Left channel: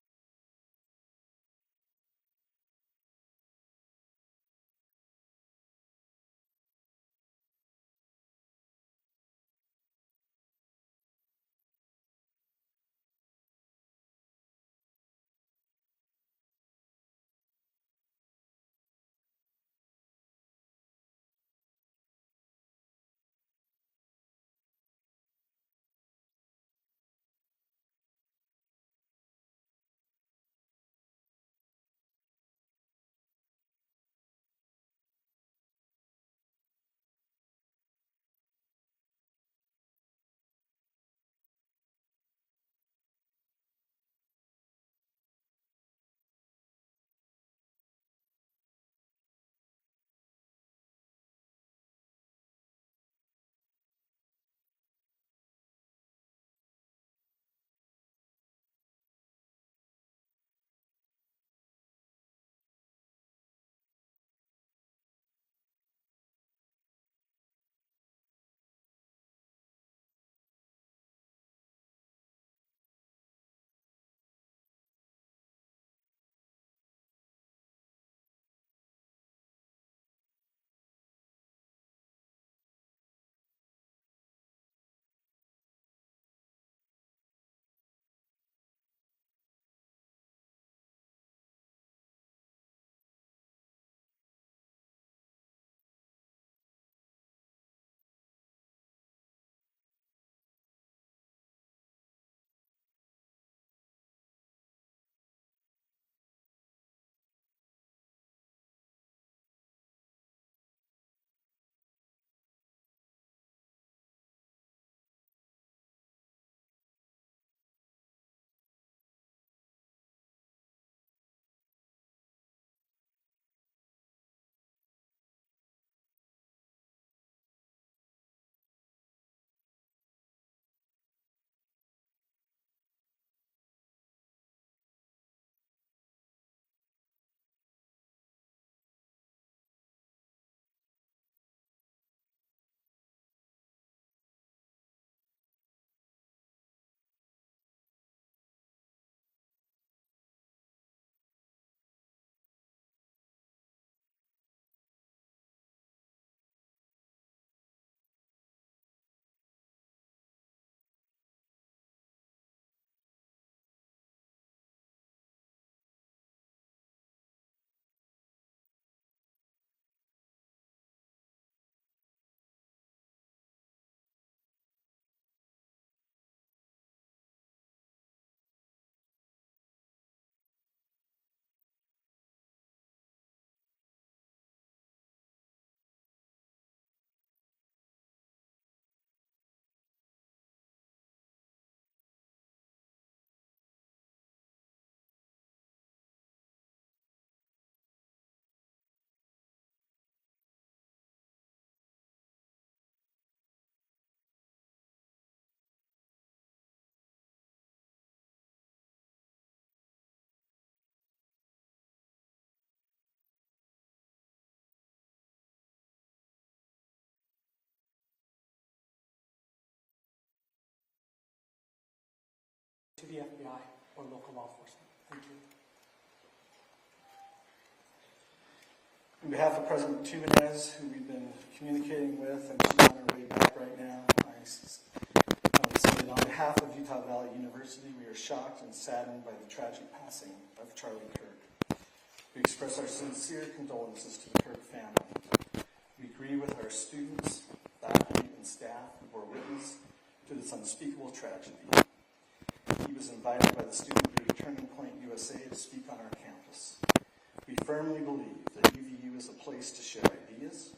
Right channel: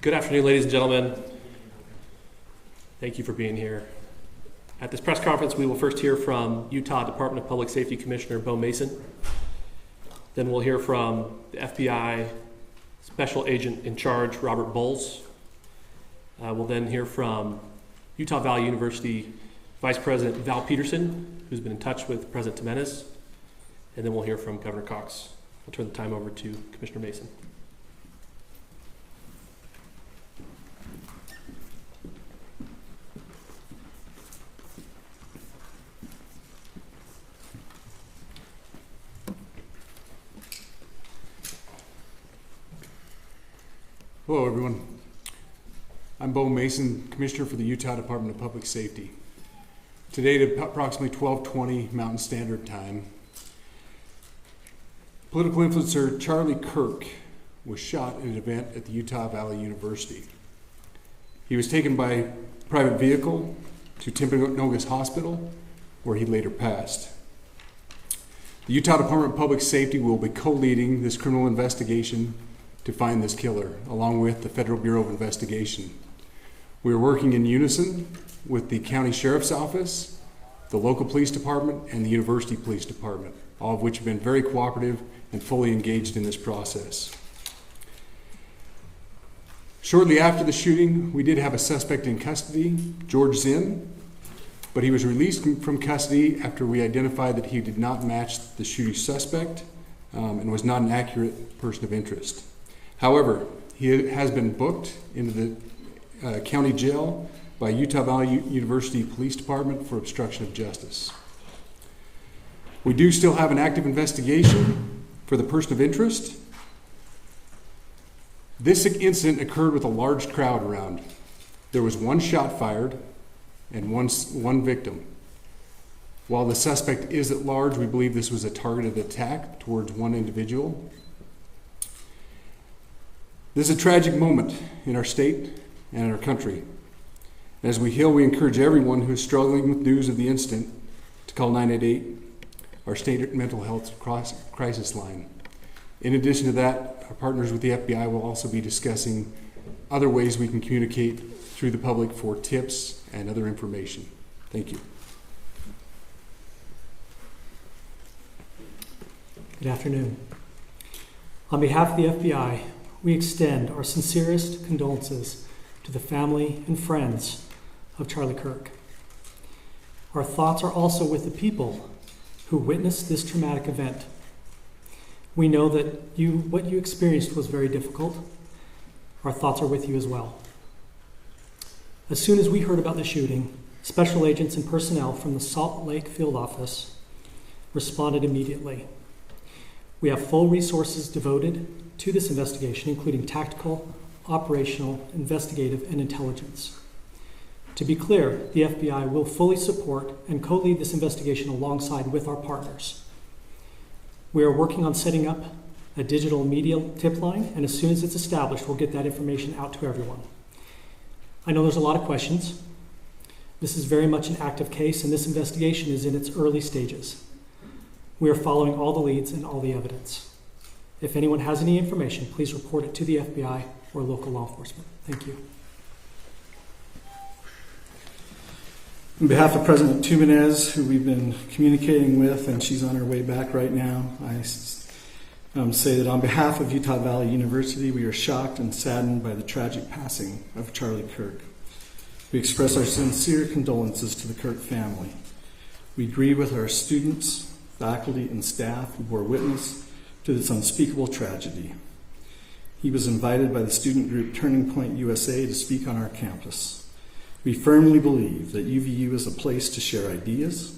Good afternoon, ladies and gentlemen. Thank you for being here. At this press conference, we will first hear from Utah Department of Public Safety Commissioner Bo Mason. Then we'll hear from the FBI Special Agent in Charge, Robert Bowles. We'll then hear from Utah Valley University Vice President Val Peterson, who's been in touch with President Jimenez. And then we'll hear from Governor Cox. I'll turn the time over to Commissioner Mason. Hello, everyone. I'm Bo Mason, Commissioner for the Utah Department of Public Safety. Today at approximately 12:20 Mountain Standard Time, political influencer Charlie Kirk was shot at an event at the Utah Valley University. He was taken by private vehicle to Timpanogos Hospital, where he later passed. The Utah Department of Public Safety will be co-leading this criminal investigation to find this killer, along with the Federal Bureau of Investigation. We are working in unison with the County Sheriff's Office, the local police department, and the University Police Department, all of which have been very cooperative and fully engaged in this process. Shortly after the shooting, we did have a suspect in custody, George Zinn, but he was released from custody after we identified that he did not match the shooting suspect and was not an accurate person of interest. However, he has been booked into the county jail by Utah Valley University Police Department for obstruction of justice. We do still have an active investigation for the person of interest. This incident occurred with a large crowd around. There was one shot fired and one victim. While the suspect is at large, we believe this was a targeted attack towards one individual. This is a tragic moment in our state and in our country. As we heal, we encourage everyone who is struggling with news of the incident to call 988, our state mental health crisis line. In addition to that, our partners with the FBI will also be discussing other ways we can communicate through the public for tips and other information. Thank you. Good afternoon. On behalf of the FBI, we extend our sincerest condolences to the family and friends of Charlie Kirk. Our thoughts are also with the people who witnessed this traumatic event. We know that what you experienced was very difficult. Our thoughts are with you as well. As soon as we heard about the shooting, special agents and personnel from the Salt Lake Field Office responded immediately. We have full resources devoted to this investigation, including tactical, operational, investigative, and intelligence. To be clear, the FBI will fully support and co-lead this investigation alongside with our partners. We are working on setting up a digital media tip line, and as soon as it's established, we'll get that information out to everyone. I know there's a lot of questions. This is very much an active case, and this investigation is in its early stages. We are following all the leads and all the evidence. If anyone has any information, please report it to the FBI or local law enforcement. Thank you. On behalf of President Jimenez, who we've been communicating with, and she's on her way back right now, I say that on behalf of Utah Valley University, we are shocked and saddened by the tragic passing of Charlie Kirk. We express our sincere condolences to the Kirk family. We grieve with our students, faculty, and staff who bore witness to this unspeakable tragedy. He was invited by the student group Turning Point USA to speak on our campus. We firmly believe that UVU is a place to share ideas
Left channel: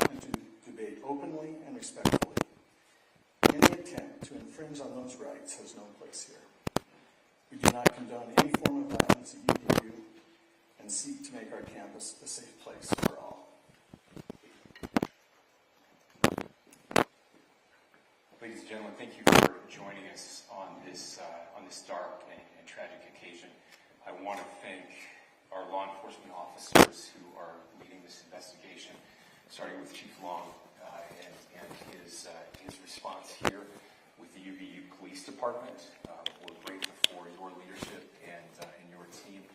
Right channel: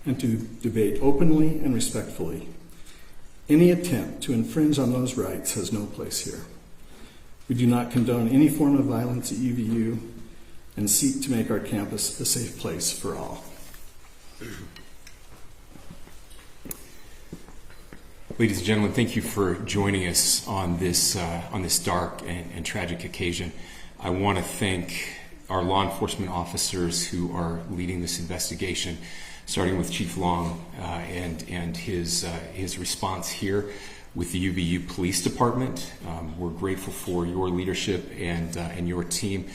and to debate openly and respectfully. Any attempt to infringe on those rights has no place here. We do not condone any form of violence at UVU and seek to make our campus a safe place for all. Ladies and gentlemen, thank you for joining us on this dark and tragic occasion. I want to thank our law enforcement officers who are leading this investigation, starting with Chief Long and his response here. with the UVU Police Department. We're grateful for your leadership and your team.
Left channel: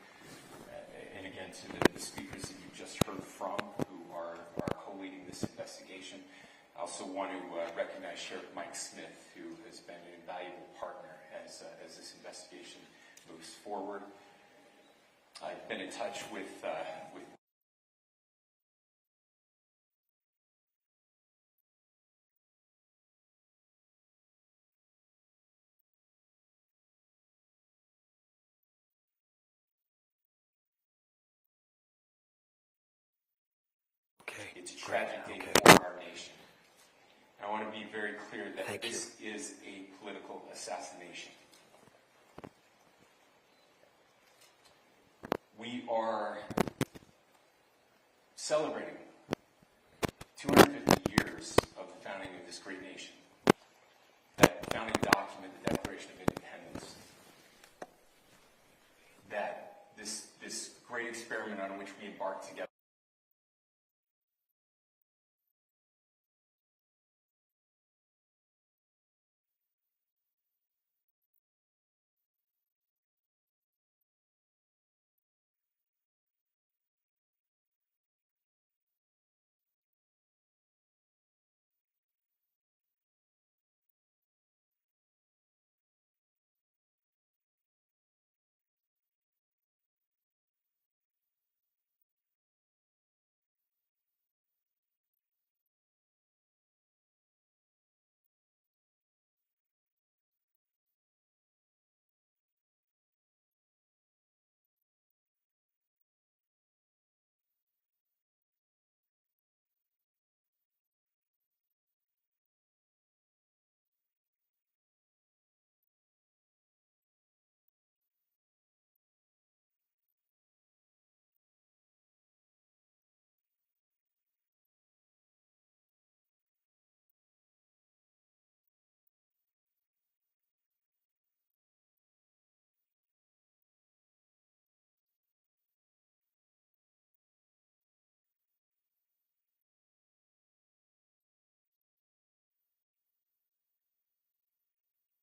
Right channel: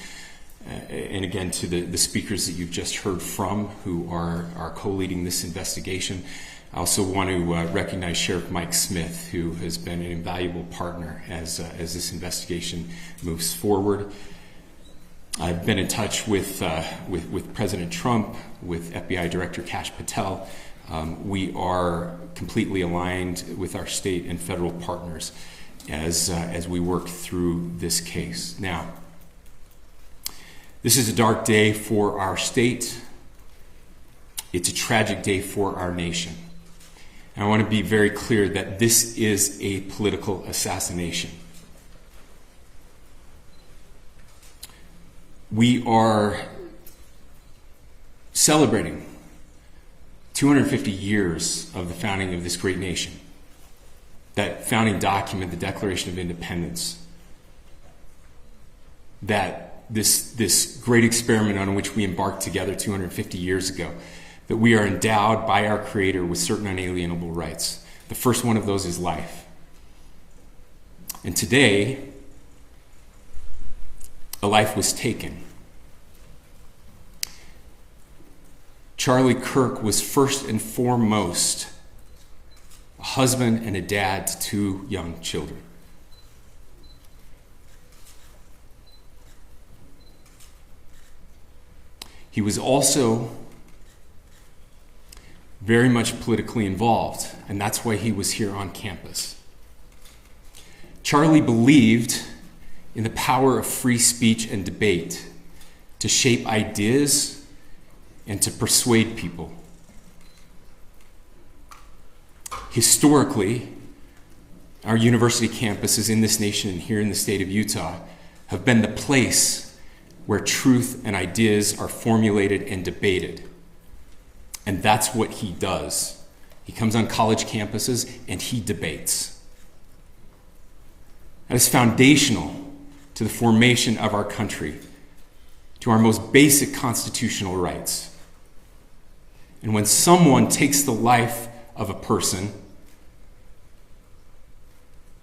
And again, to the speakers that you've just heard from who are co-leading this investigation. I also want to recognize Sheriff Mike Smith, who has been an invaluable partner as this investigation moves forward. I've been in touch with President Trump, with FBI Director Kash Patel. We are completely aligned with our state and federal partners as we work through this case. Now, this is a dark day for our state. It's a tragic day for our nation. And I want to be very clear that this is a political assassination. We are celebrating 250 years of the founding of this great nation. That founding document, the Declaration of Independence, that this great experiment on which we embarked together 250 years ago, that we are endowed by our Creator with certain unalienable rights. The first one of those is life. And today, a life was taken. Charlie Kirk was first and foremost a husband and a dad to 2 young children. He was also very much politically involved, and that's why he was here on campus. Charlie believed in the power of free speech and debate to shape ideas and to persuade people. Historically, our university campuses in this nation and here in the state of Utah have been the place where truth and ideas are formulated and debated. And that's what he does. He comes on college campuses and he debates. That is foundational to the formation of our country, to our most basic constitutional rights. And when someone takes the life of a person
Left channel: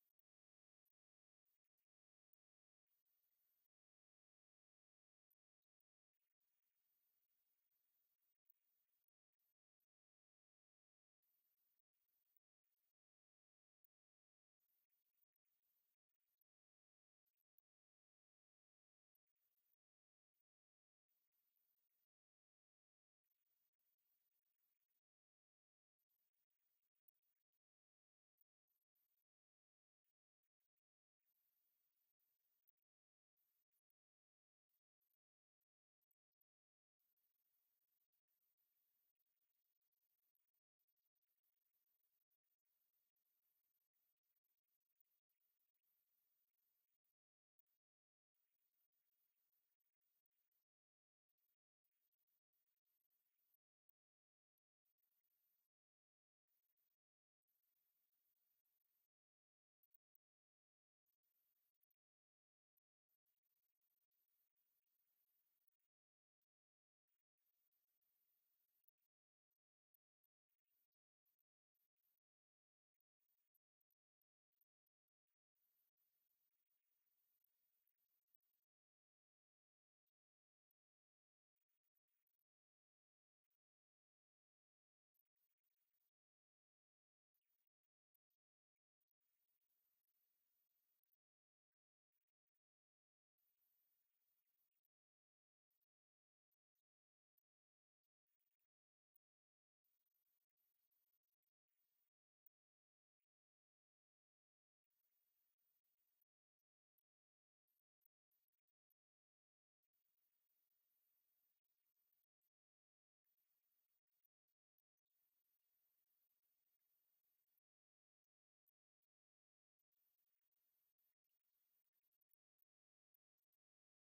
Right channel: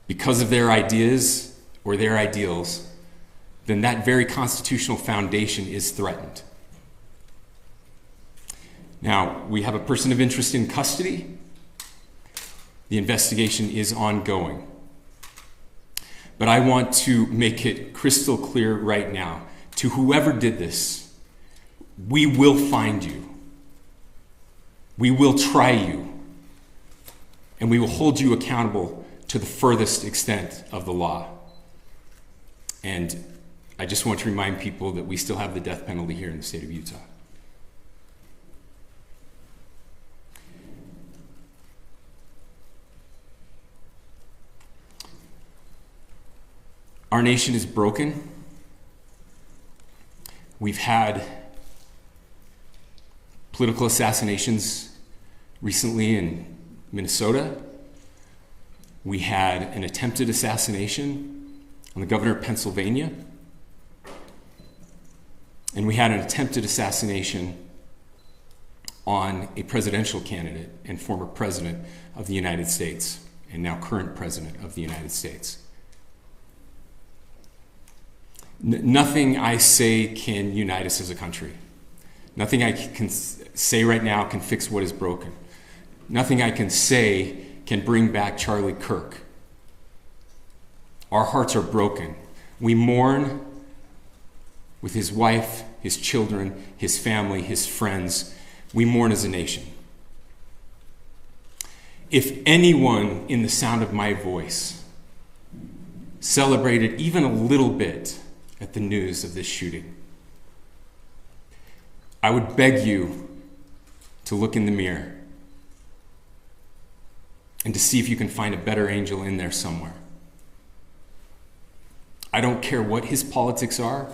because of their ideas or their ideals, then that very constitutional foundation is threatened. Now, we have a person of interest in custody. The investigation is ongoing. But I want to make it crystal clear right now, to whoever did this, we will find you. We will try you. And we will hold you accountable to the furthest extent of the law. And I just want to remind people that we still have the death penalty here in the state of Utah. Our nation is broken. We've had political assassinations recently in Minnesota. We had an attempted assassination on the governor of Pennsylvania. And we had an attempted assassination on a presidential candidate and former president of the United States, and now current president of the United States. Nothing I say can unite us as a country. Nothing I can say right now can fix what is broken. Nothing I can say can bring back Charlie Kirk. Our hearts are broken. We mourn with his wife, his children, his family, his friends. We mourn as a nation. If anyone in the sound of my voice celebrated even a little bit at the news of this shooting, I would beg you to look in the mirror and to see if you can find a better angel in there somewhere. I don't care what his politics are.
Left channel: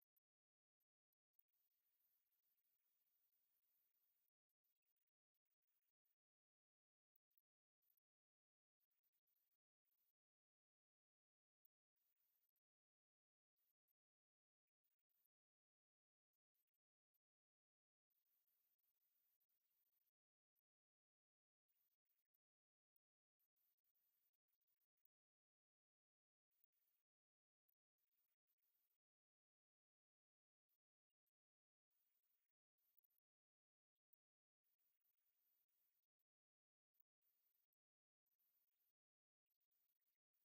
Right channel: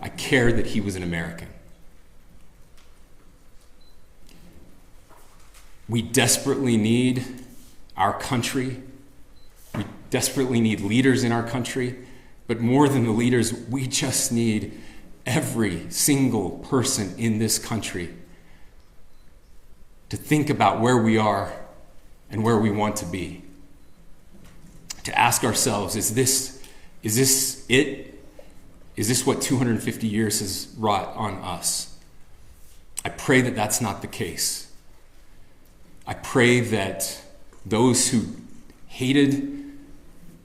I care that he was an American. We desperately need our country. We desperately need leaders in our country. But more than the leaders, we just need every single person in this country to think about where we are and where we want to be. to ask ourselves, is this it? Is this what 250 years has wrought on us? I pray that that's not the case. I pray that those who hated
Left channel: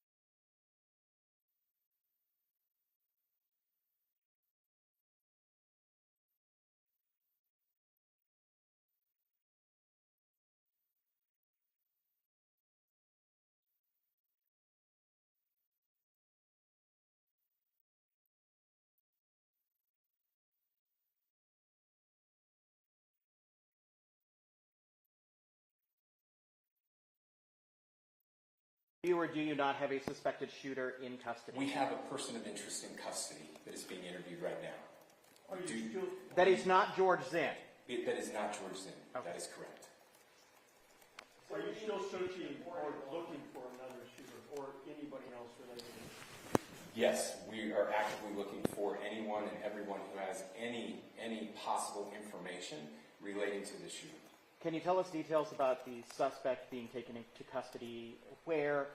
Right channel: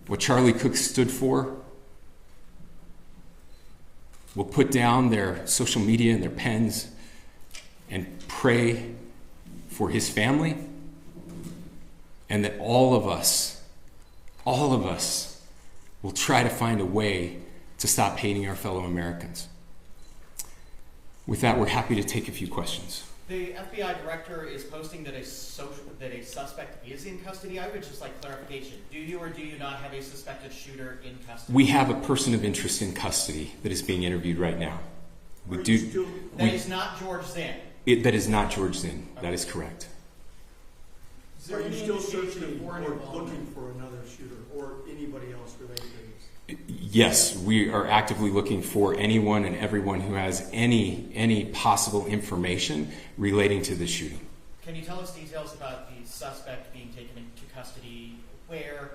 what Charlie Kirk stood for will put down their social media and their pens and pray for his family, and that all of us will try to find a way to stop hating our fellow Americans. With that, we're happy to take a few questions. The FBI director is posting that a suspect is in custody. I would just like clarification. Do you or do you not have a suspected shooter in custody? We have a person of interest in custody that is being interviewed right now. That is not George Zinn. That is not George Zinn. Okay. That is correct. Are you still searching or looking for another shooter or anybody else related to this? Yes, we are actively looking for anyone and everyone who has any possible information relating to the shooting. Can you tell us details about the suspect being taken into custody? Where?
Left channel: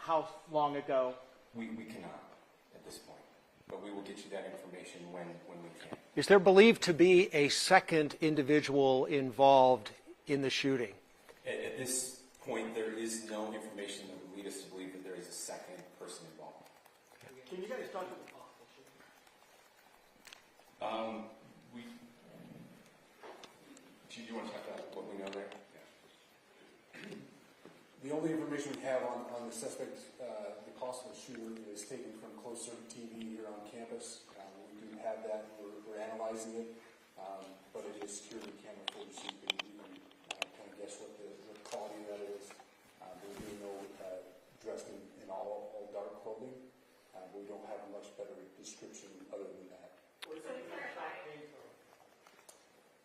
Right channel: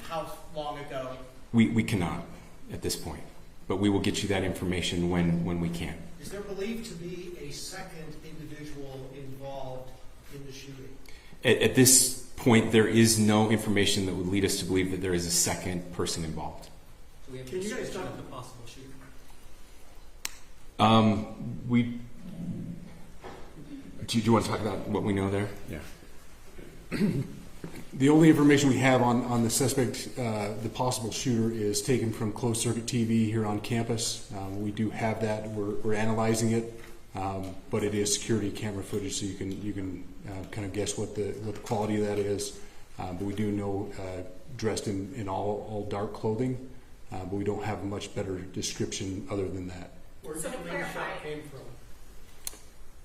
How long ago? We cannot at this point, but we will get you that information when we can. Is there believed to be a second individual involved in the shooting? At this point, there is no information that would lead us to believe that there is a second person involved. Can you guys talk about the possible shooter? Do you want to talk about what we know there? Yeah. The only information we have on the suspect, the possible shooter, is taken from closed circuit TV here on campus. We do have that. We're analyzing it, but it is security camera footage, so you can kind of guess what the quality of that is. But we do know dressed in all dark clothing, but we don't have a much better description other than that. Where do you think the shot came from?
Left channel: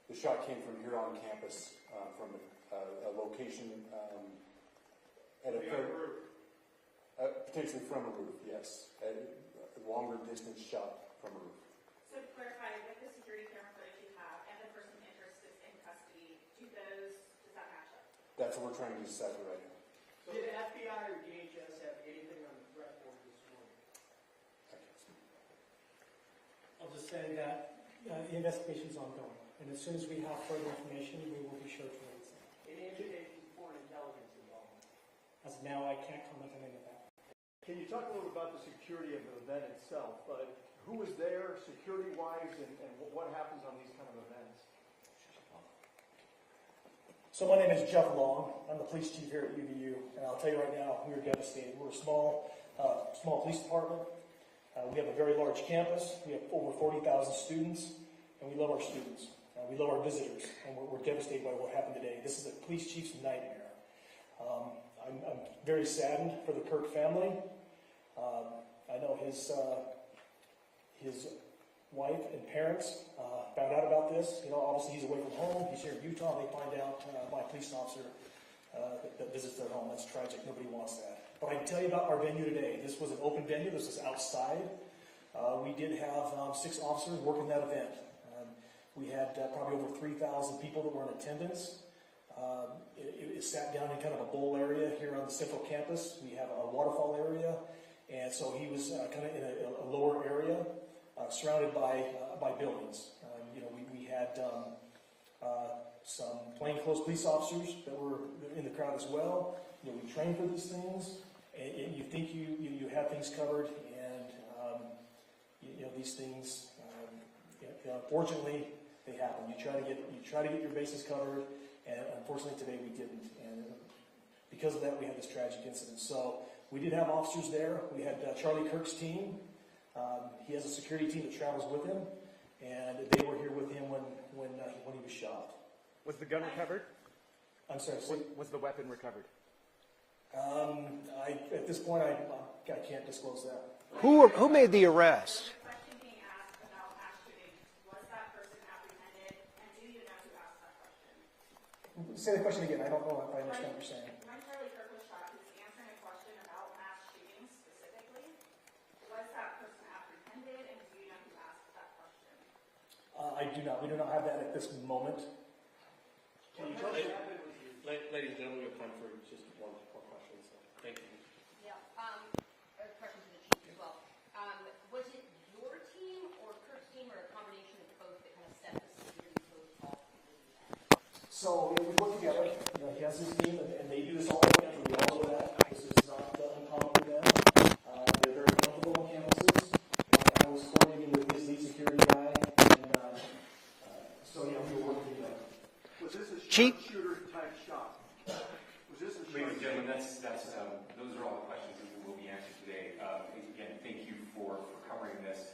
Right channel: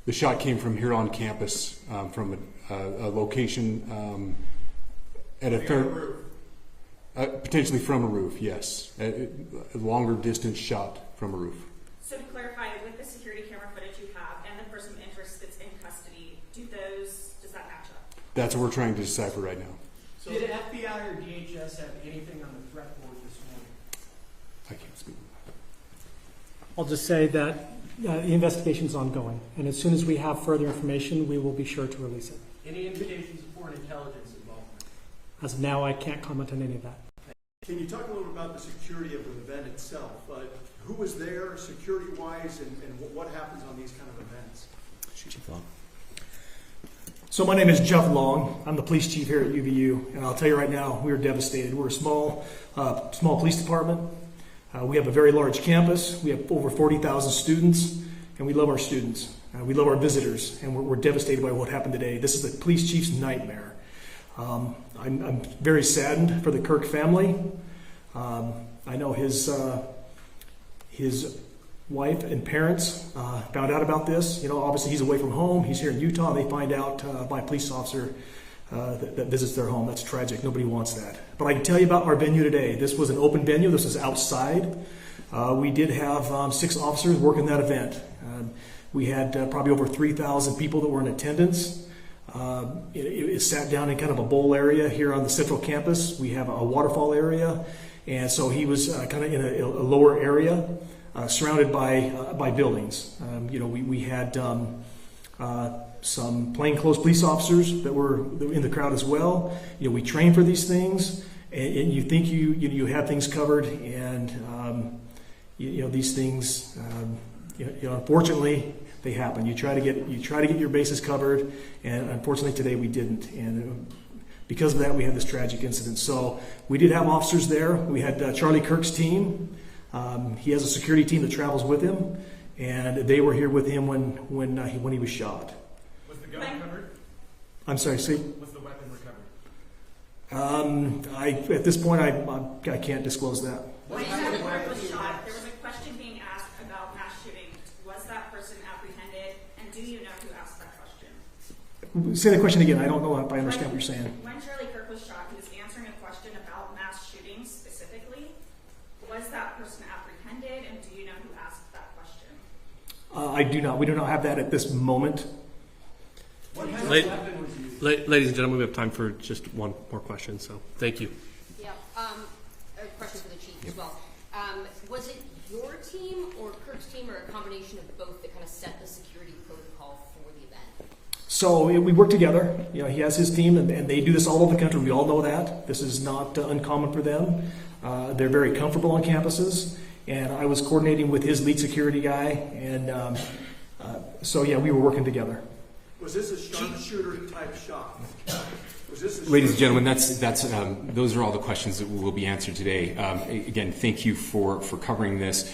The shot came from here on campus, from a location at a potentially from a roof. Yes, a longer distance shot from a roof. So to clarify, with the security camera footage you have and the person of interest that's in custody, does that match up? That's what we're trying to decipher right now. So did FBI or DHS have anything on the threat board this morning? I can't speak. I'll just say that the investigation's ongoing, and as soon as we have further information, we will be sure to release it. Any indications of foreign intelligence involvement? As of now, I can't comment on any of that. Can you talk a little about the security of the event itself? Who was there security-wise, and what happens on these kind of events? So my name is Jeff Long. I'm the police chief here at UVU, and I'll tell you right now, we are devastated. We're a small police department. We have a very large campus. We have over 40,000 students, and we love our students. We love our visitors, and we're devastated by what happened today. This is the police chief's nightmare. I'm very saddened for the Kirk family. I know his wife and parents found out about this. Obviously he's away from home. He's here in Utah. And they find out by a police officer that visits their home. That's tragic. Nobody wants that. But I can tell you about our venue today. This was an open venue. This is outside. We did have 6 officers working that event. We had probably over 3,000 people that were in attendance. It sat down in kind of a bowl area here on the central campus. We have a waterfall area. And so he was kind of in a lower area, surrounded by buildings. We had some plainclothes police officers that were in the crowd as well. We train for these things, and you think you have things covered, and these things, unfortunately, they happen. You try to get your bases covered, and unfortunately today we didn't. And because of that, we had this tragic incident. So we did have officers there. We had Charlie Kirk's team. He has a security team that travels with him, and they were here with him when he was shot. Was the gun recovered? I'm sorry, see? Was the weapon recovered? At this point, I can't disclose that. Who made the arrest? There was a question being asked about mass shooting. Was that person apprehended, and do you know who asked that question? Say the question again. I don't know if I understand what you're saying. When Charlie Kirk was shot, he was answering a question about mass shootings specifically. Was that person apprehended, and do you know who asked that question? I do not. We do not have that at this moment. What kind of weapon was used? Ladies and gentlemen, we have time for just one more question, so thank you. Yeah. Yep. as well. Was it your team or Kirk's team or a combination of both that kind of set the security protocol for the event? So we work together. You know, he has his team, and they do this all over the country. We all know that. This is not uncommon for them. They're very comfortable on campuses, and I was coordinating with his lead security guy, and so yeah, we were working together. Was this a sharpshooter type shot? Was this a Ladies and gentlemen, those are all the questions that will be answered today. Again, thank you for covering this.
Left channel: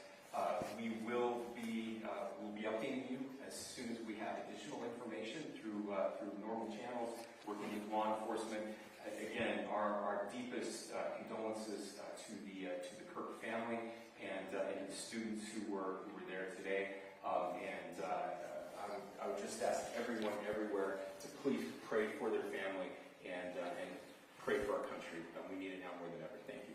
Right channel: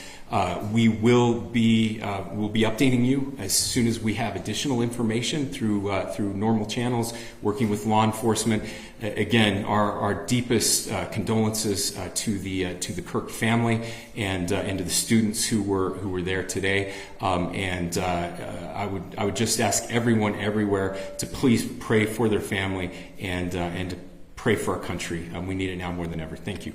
We will be updating you as soon as we have additional information through normal channels, working with law enforcement. Again, our deepest condolences to the Kirk family and to the students who were there today. I would just ask everyone everywhere to please pray for their family and to pray for our country. We need it now more than ever. Thank you.